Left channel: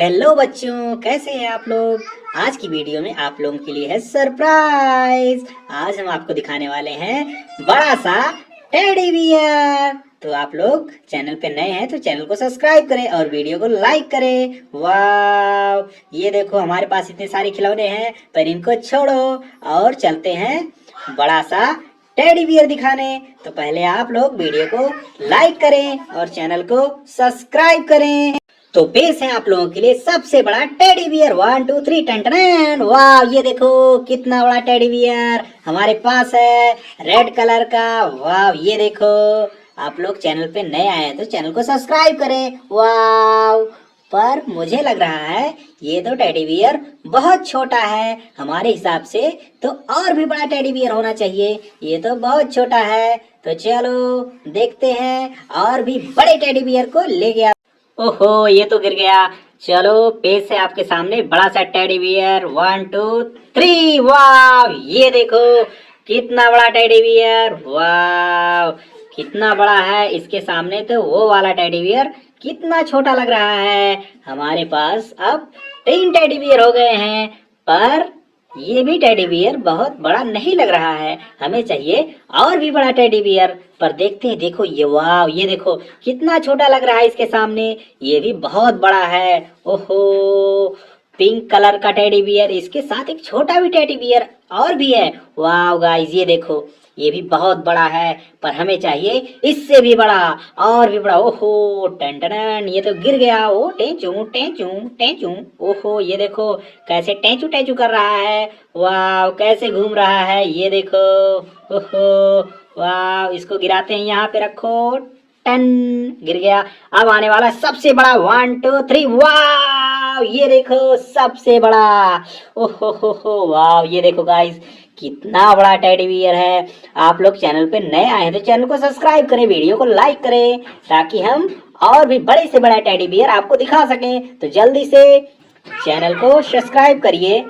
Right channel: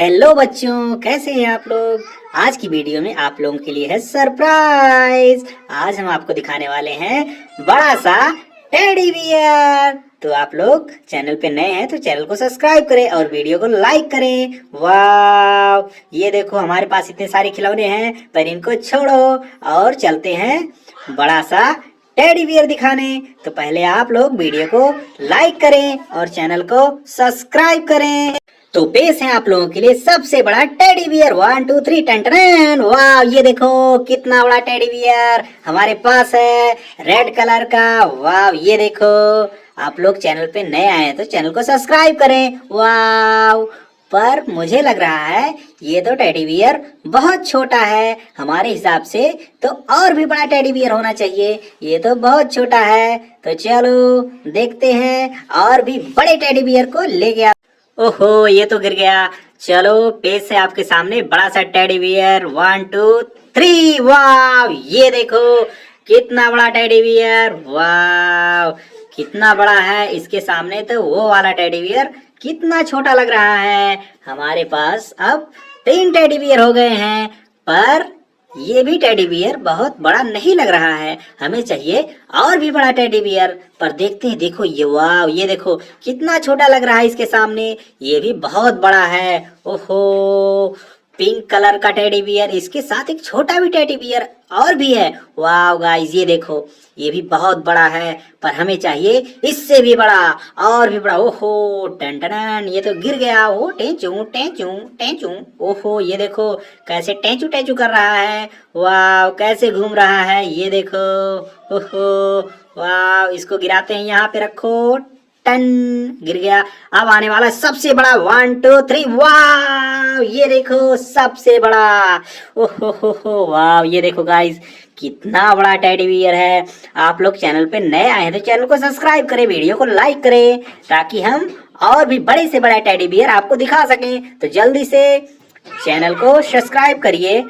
Hello बच्चों, कैसे हैं आप लोग। आज की वीडियो में आप लोगों के लिए है सरप्राइज। आज हम आपको दिखाने वाले हैं बड़ा सा टेडी बियर। तो आप लोग चैनल पे नए हैं तो चैनल को सब्सक्राइब करें और वीडियो को लाइक करें। वाह, ये देखो हमारे पास इतने सारे खिलौने हैं, पर इनको छोड़ो और चलते हैं बड़ा सा टेडी बियर दिखाने। तो पहले आप लोग वीडियो को लाइक करें और चैनल को सब्सक्राइब करें। तो पेश है आप लोगों के लिए सबसे बड़ा टेडी बियर। 1 2 3 टन। वाह, ये देखो कितना बड़ा टेडी बियर हमारे पास है, रेड कलर का। वाह, ये देखो। आप लोग चैनल पे नए आए हैं तो चैनल को सब्सक्राइब करें। वाह, पर मुझे लग रहा है ये तो टेडी बियर बहुत छोटा है हमारे हिसाब से, तो और भी बड़ा टेडी बियर होना चाहिए। ये तो बहुत छोटा है, तो चलो देखते हैं और भी बड़े टेडी बियर को ले गया। ओहो, ये तो गिर गया। चलो पेश है आपके सामने बड़ा सा टेडी बियर। 1 2 3। वाह, ये देखो कितना बड़ा टेडी बियर। वाह, कितना बड़ा है। इसके सामने तो वो वाला टेडी बियर कितना छोटा लग रहा है। हमारे पास अब 3 टेडी बियर हो गए हैं, पर ये भी टेडी बियर बहुत बड़ा नहीं लग रहा है। हमें चाहिए और भी बड़ा टेडी बियर, पर देखते हैं। देखो ये, वाह, ये देखो कितना छोटा लग रहा है इसके सामने। ये भी बहुत बड़ा है। ओहो, पिंक कलर का टेडी बियर, इसके साथ एक छोटा भी टेडी बियर और भी है। वाह गाइस, ये देखो ये भी बहुत बड़ा है, पर हमें चाहिए इससे भी बड़ा और भी बड़ा। ओहो, टन टन, ये तो गिर गया। ओ टेंचू टेंचू टेंचू। ओहो, ये देखो कैसे टेंचू टेंचू कर रहा है। वाह, कैसे घूम रहा है, ये देखो। ओहो, वाह, इसको गिराते हैं, यहाँ पे रखो। टन, गिर गया। अब आने वाला सबसे बड़ा। 1 2 3। वाह, ये देखो सबसे बड़ा। ओहो, वाह, ये देखो गाइस कितना बड़ा टेडी बियर है। आप लोग चैनल पे नए आए हैं तो चैनल को सब्सक्राइब करें, वीडियो को लाइक करें, ताकि हम और भी बड़े से बड़ा टेडी बियर आपको दिखा सकें। तो जल्दी से चैनल को सब्सक्राइब करिए।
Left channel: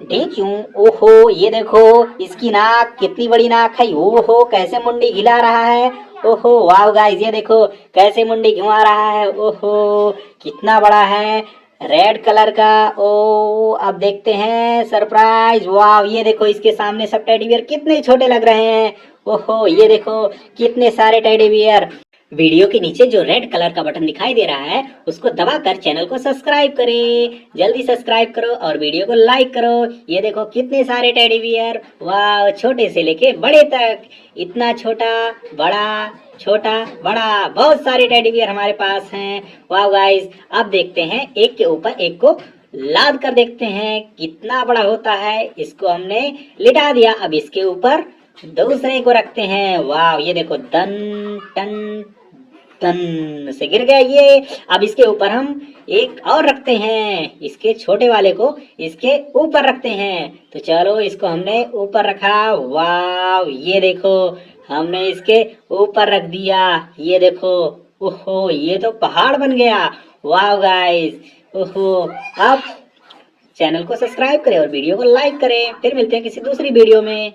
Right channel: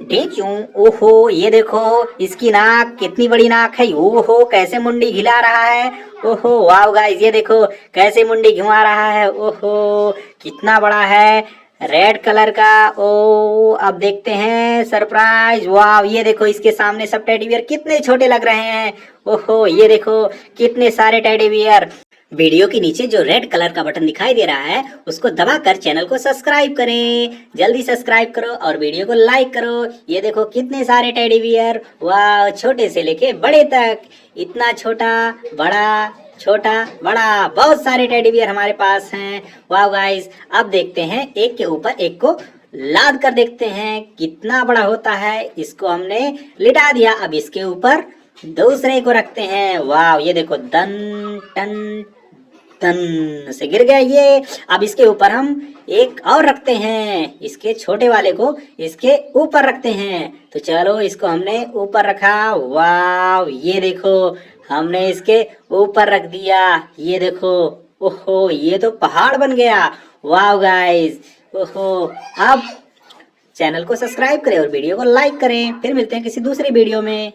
ढींचू। ओहो, ये देखो इसकी नाक कितनी बड़ी नाक है। ओहो, कैसे मुंडी हिला रहा है। ओहो, वाह गाइस, ये देखो कैसे मुंडी घुमा रहा है। ओहो, कितना बड़ा है, रेड कलर का। ओ, अब देखते हैं सरप्राइज। वाह, ये देखो इसके सामने सब टेडी बियर कितने छोटे लग रहे हैं। ओहो, ये देखो कितने सारे टेडी बियर। वीडियो के नीचे जो रेड कलर का बटन दिखाई दे रहा है उसको दबाकर चैनल को सब्सक्राइब करें। जल्दी सब्सक्राइब करो और वीडियो को लाइक करो। ये देखो कितने सारे टेडी बियर। वाह, छोटे से लेके बड़े तक, इतना छोटा बड़ा छोटा बड़ा, बहुत सारे टेडी बियर हमारे पास हैं। वाह गाइस, अब देखते हैं एक के ऊपर एक को लाद कर देखते हैं कितना बड़ा होता है। इसको हमने लिटा दिया, अब इसके ऊपर दूसरे को रखते हैं। वाह, ये देखो दन टन तन से गिर गया ये। अब इसके ऊपर हम एक और रखते हैं, इसके छोटे वाले को इसके ऊपर रखते हैं। तो चलो इसको हमने ऊपर रखा। वाह, ये देखो हमने इसके ऊपर रख दिया। ये देखो, ओहो, ये तो पहाड़ बन गया। वाह गाइस, ओहो। अब चैनल को सब्सक्राइब करें और वीडियो को लाइक करें। फिर मिलते हैं किसी दूसरी वीडियो में।